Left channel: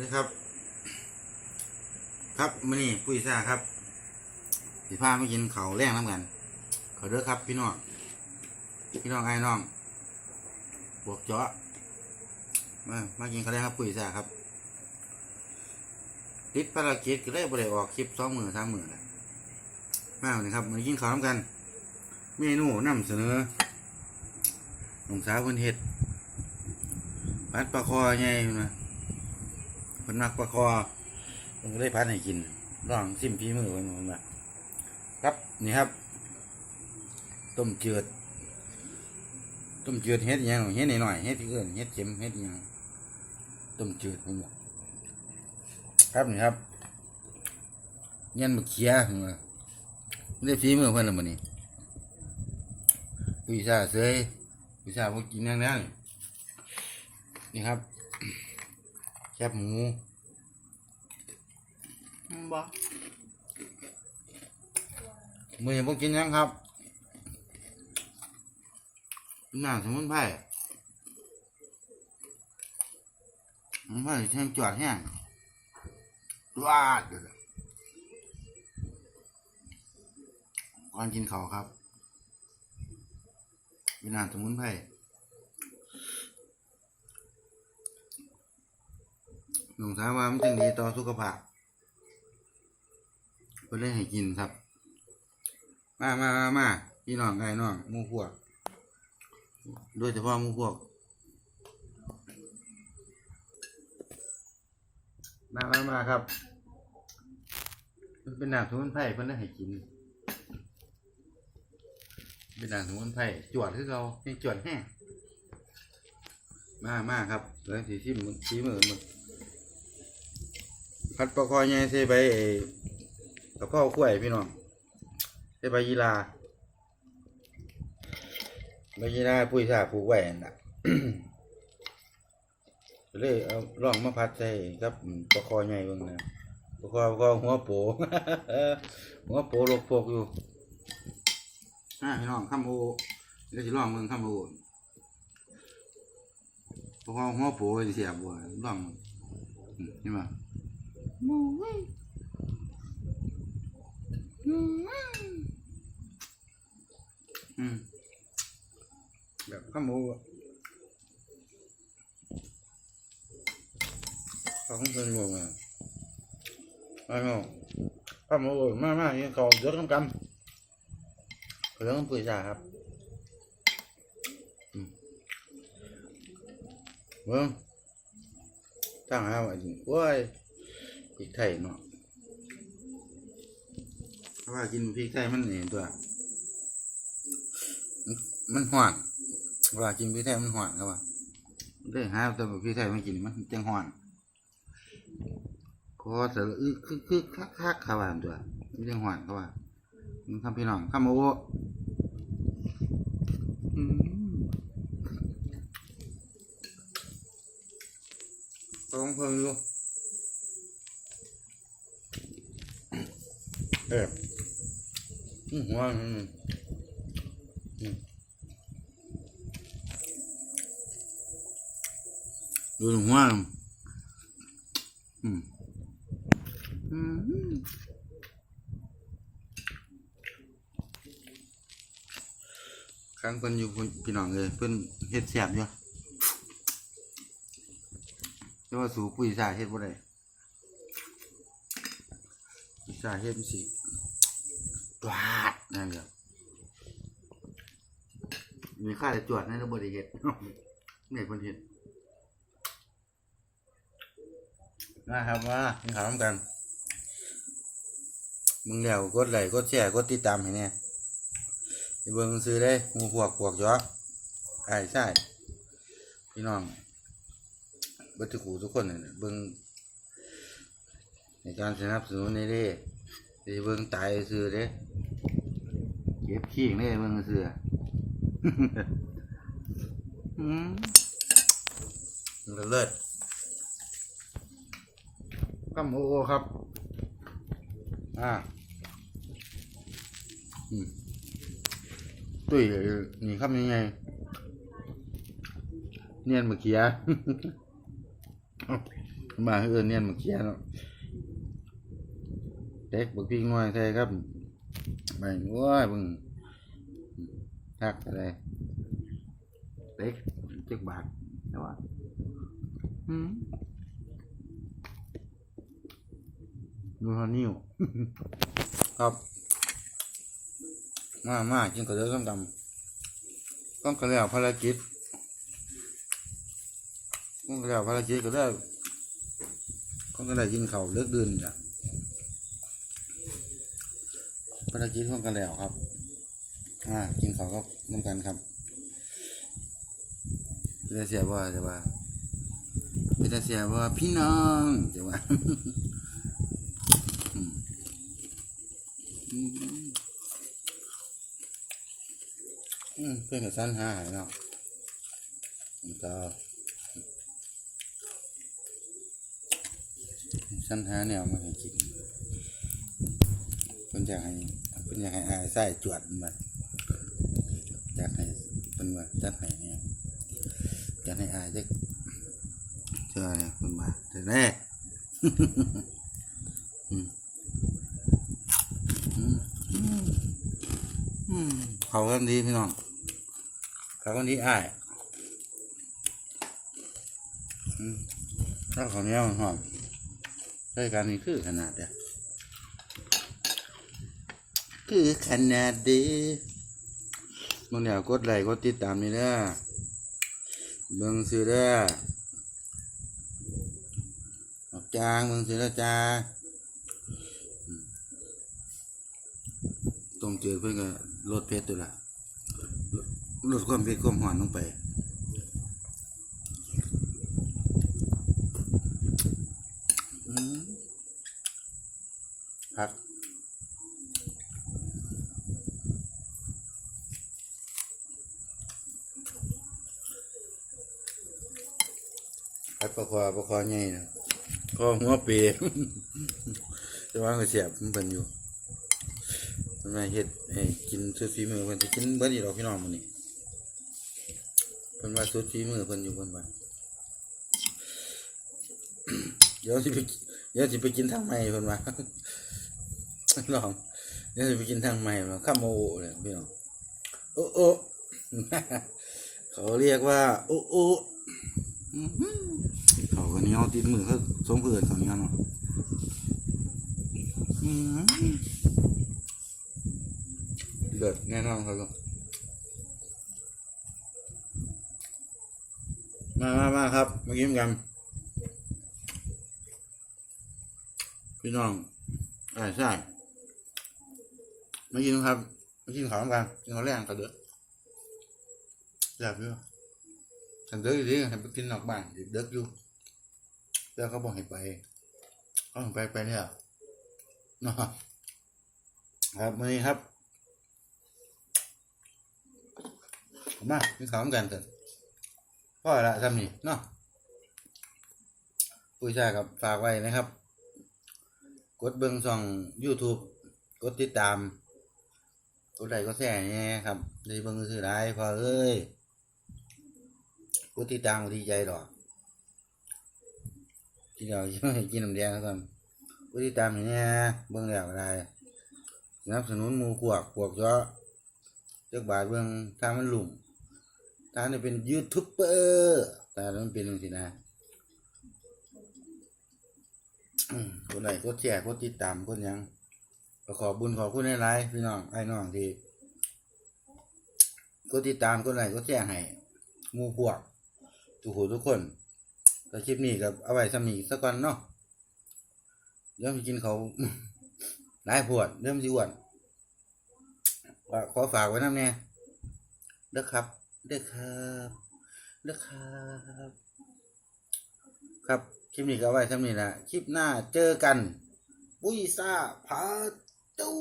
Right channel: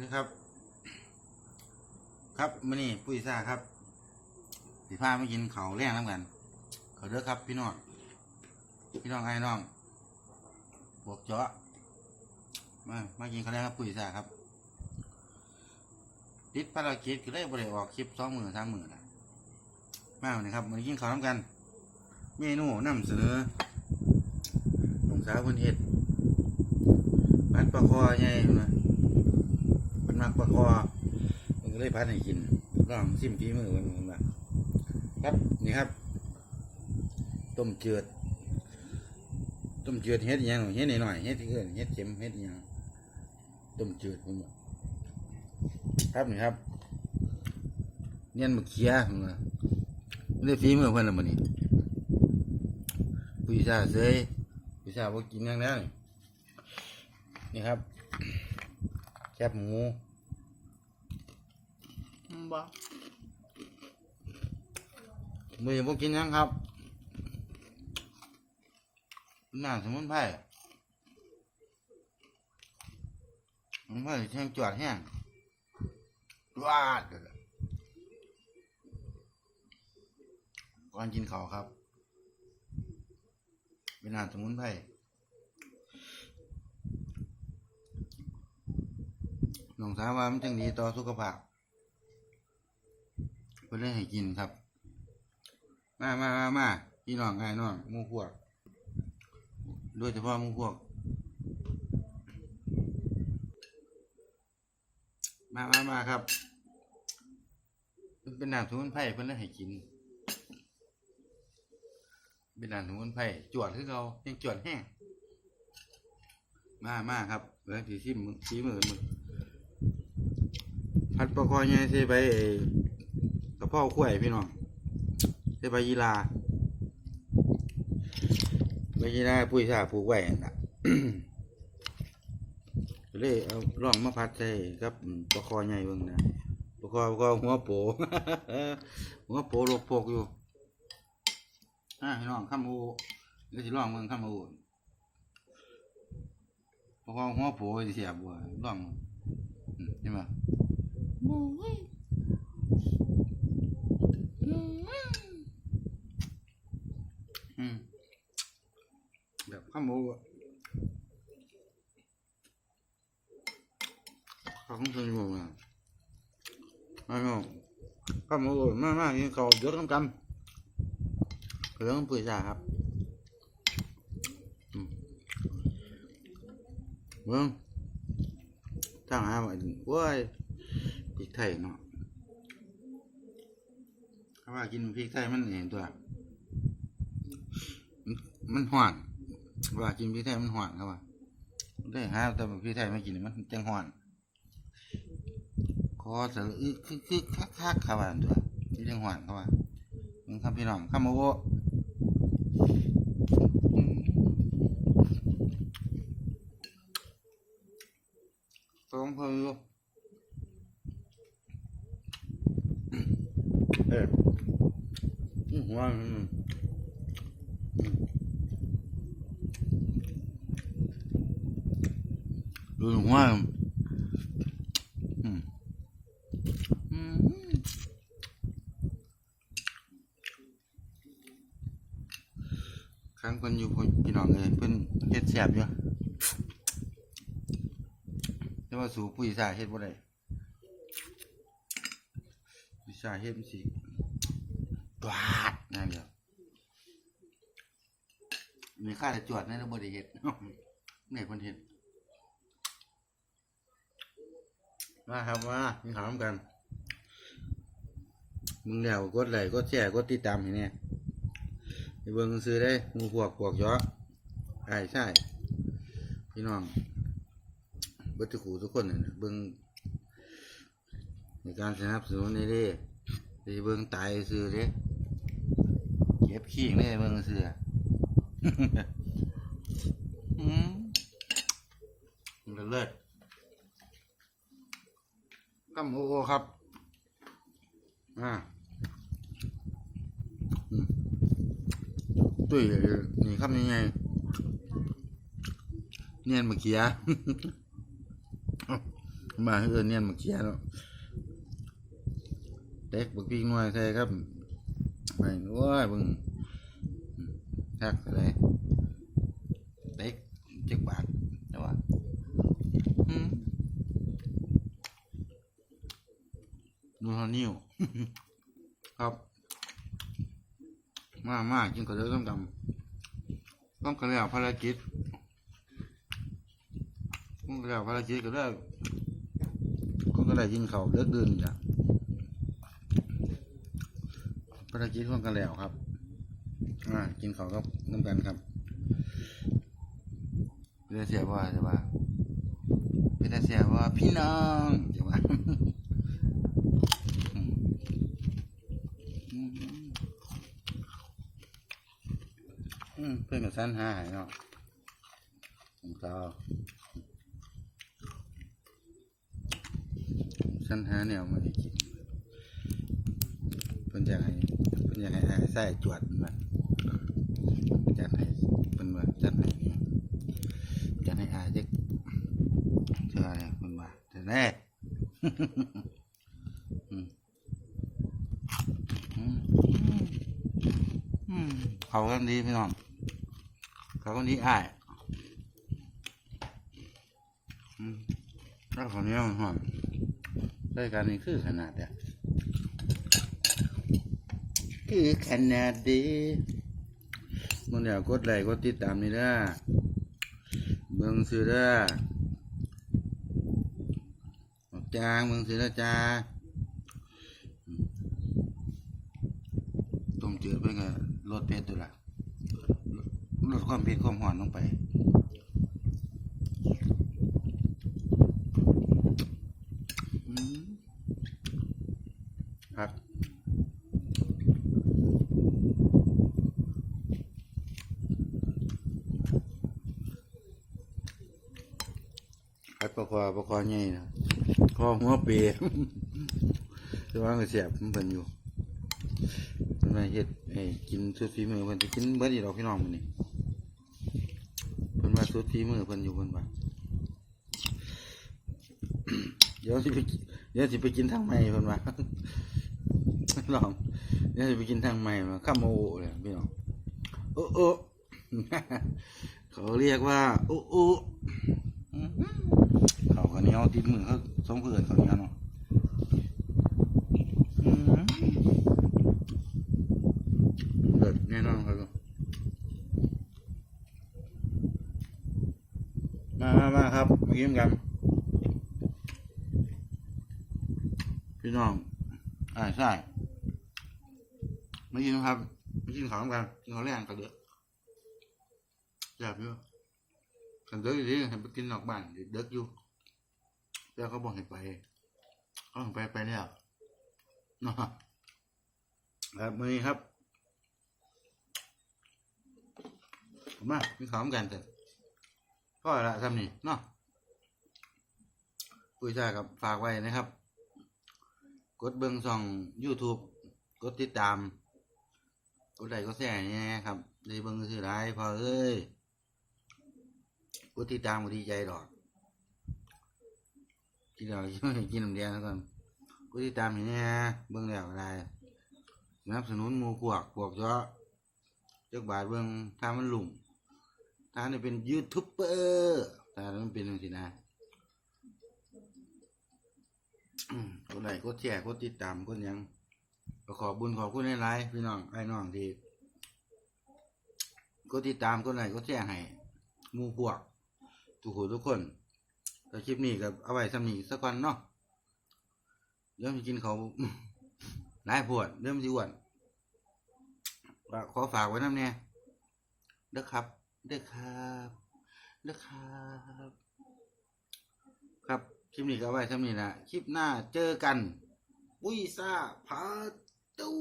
นี่ครับ ครับมื่อนี้ปุ้ยซ่าครับสิพาไมากินเขาแรงน้ำกันขอเด้อครับ พี่น้องพี่น้องไอ้น้องพวกเจาะมามากินเขาแรงครับปุ้ยซ่าครับติดภารกิจก็เลยบริออกคลิปสองมือสามมือแหละมาวันนี้ครับมากินข้าวน้ำกัน เมนูนำเสนอหลวงสาวคนเฮ็ดผัดปลาคอไงมา นักปลาคอผมได้พัดให้กินลองซิมพีมือวันนู้นะครับนี่ครับ ต้มจืดต้มจืดเฮ็ดยังเฮ็ดหน่อยเฮ็ดอีกเอื่นเฮ็ดเค็มเฮ็ดยังต้มจืดนี่ครับนี่ครับเงี้ยมะเขียมาไม่ได้ฝีมือเพิ่นละมื้อนี้ผู้ชาเสยผู้ชาพวกกินนั่งนั่นนี่ครับแคบหมู บ่มือนี้พวกกินยังครับหน้าสมุนไพรสมุนไพรแห้งจอดแห้งว้าดเดี๋ยวก่อนกินเขาครับ เป็นอาหารสมุนไพรน้องสาวว่ามันจังดีต่อสุขภาพ เพื่อให้กินครับ มามามามาพี่น้องไงน้องมูพวกโดยเฉพาะมูพวก มามามาครับ มันเป็นน้ำสมุนไพรเพื่อให้กิน เป็นน้ำสมุนไพรจวดคือเรายังจวดแห้งมามาครับแล้วสีชิมชี้มือมือพัดปลาคอยใหญ่ใส่ใบไอ้ กระเพราข้วยพี่น้องใส่ใบยีราใบยีราปุ้ยซ่าผูกไว้นั่นน่ะเลยเอาลองมาพัดใส่ครับปลาคอใหญ่เบิ่งนะปลาคอปลาคอหัวโปหัวโปลกโปกอยู่อ่าพี่น้องข้ามโอเลยจะลองเมืองข้ามโอพอหัวโปสิเสียบัวลองอืมนี่มาอืม แบบข้ามโออะข้าวของเพิ่นบอกว่าไม่เอาข้ามโมากมากๆนี่เขาเยอะทั้งกันเรื่องปุ๋ยจ่าครับเบิ้งตั้งหาวันนี้ว้ยพริกไทยเนาะาะว่ากินพริกไทยมันเห็นตัว มันมันหวานวลากินพริกไทยมันหวานครับว่าเลยหาแต่พริกไทยไม่กินมันจังหวานคอแต่ละอึกคือคือคักคักครับว่าตัวนี่จังหวานครับว่ามึงครับพี่น้องข้ามโอต้องเพิ่มดูเออว่า ดูว่าอืมอืมครั้งเพิ่นอยู่เพิ่นพี่น้องเลยเพิ่นเฮ็ดแซ่บอยู่แต่ว่าสูปุ๋ยสาเฮ็ดบ่ได้ปุ๋ยสาเฮ็ดมันสิปลาดนั่นเดียวมีค่าแต่จวดนั่นแล้วบ่ได้เฮ็ดเนี่ยเพิ่นเฮ็ด มาครับมากินข้าวนำกันมึงแล้วกดไลค์กดแชร์กดติดตามให้เนี่ยไปเบิ่งซื้อได้หมูพวกพวกเยอะใช่ใช่พี่น้องบิดทุกหูทุกคนน่ะเบิ่งในการสนับสนุนในเด้เบิ่งตายซื้อเด้เก็บขี้งเด้เบิ่งซื้อเลิศ ข้ามโอโอครับ อ่าอืมตุ้ยนี่คำยังไงเนียนมื่อกี้เมาเอินเนียนมาเขียเนาะเด็กบักพี่น้อยใช่ครับไม่นัวเบึงทักอะไรเด็กจักบาทเดี๋ยวว่าอืม ดูเขานิ้วครับมามากินกระเดือกต้องดำต้องกระเดือกภารกิจต้องกระเดือกภารกิจก็ได้ก็ก็ได้ยินเขาเลิกดื่นจ้ะภารกิจของกันแล้วครับอ่ากินเขาก็น้ำกันครับพี่ได้เสียว่าจะว่าพี่ได้เสียว่าพี่น้องจะว่า อืมเพื่อนกับสั้นหายเนาะผมก็สั้นหาแนวมาให้กินเพื่อนอยากให้เพื่อนอยากให้อายไส้จวดมันจัดให้เพื่อนว่าจัดให้เนี่ยจัดให้อายเด็กเชื่อเนี่ยเพื่อนว่าแต่แน่เขาเริ่มดีพี่น้อง เขาคนที่อ้ายอืมถ้าเขาเนี้ยมันหอมด้วยกันนี่คือขนาดเดียคือขนาดดีมึงเดียวกดไลค์กดติดตามนี่เด้อเบิ่งซื้อเด้อจางเบิ่งซื้อเด้อจ้าต้มจืดเพื่อก็ลดเผ็ดตัวละ ความเผ็ดความหวานลงไปผักผัดปลาคอปลาคอใหญ่นะคอหัวเปียแต่ว่าก็เสียบมันเป็นอยู่มันมาเฮ็ดให้กินสุดฝีมือเพิ่นสิกินเบิดอยู่ดอกพี่น้องมื้อนี้เพิ่นว่า สุดฝีมือเพิ่นอยู่เพิ่นว่าเดี๋ยวสิไปเดี๋ยวสิไปกินทางใหม่เพิ่นว่าลองเดี๋ยวสิไปกินทางใหม่มาข้ามโอเลยพี่น้องโอ้โอ้เขาเรียกว่า โอ้โอ้เขาก็เหนียวติดมือคือสมเพื่อนเขาอย่างนั้นอื้อหือเกิดแน่นอนครับ มามามา ครับมากินกัน พี่น้องอ่าใช่มากินครับมากินข้าวกันกินข้าวแรงกันเด้ออยากอยู่ขันเด้อดีให้ไปกินนอกบ้านเด็กอยู่แล้วเขาบอกให้ไปก็ให้ไปไปเนี่ยนะครับมื้อนี้ครับมากินข้าวกันเถอะ ก็ละทำนี่เนาะผู้ยชาครับฝากไว้นะครับ กดเบิ้งช่อง YouTube กดติดตาม กดไลค์กดแชร์เนี่ยครับด้เบิ้งซื้อได้พอเอ้ยกดติดตามดีใจดอกกินเรากินน้ำแดงครับกดติดตามเนี่ยเบิ้งแล้วก็ได้สนับสนุนมูขวกขวกเจาะเจ้าบาทเบิ้งถ้ามันหลุ่ม ตาเนี่ยเป็นยูทูบเบอร์ตาเนี่ยมันเป็นตรงสินะอืมกดไลค์กดแชร์กดติดตามกดหยังขอบุญขอคุณหลายๆพี่น้องไอ้น้องที่กดติดตามกดไลค์กดแชร์ให้มู่พวก ทุกคนทุกคนแต่คลิปนี้กับเอาไว้สำนีสักก่อนเนาะเดี๋ยวไปกินเขาหลายพวดเริ่มนสิวนขอฝากไว้น้ำเนี่ยเด้อครับ เด้อครับเด้อครับครับคลิปนี้ก็ไว้เท่านี้ละคลิปหน้าเจอกัน ปุ้ยซ่าพาตู้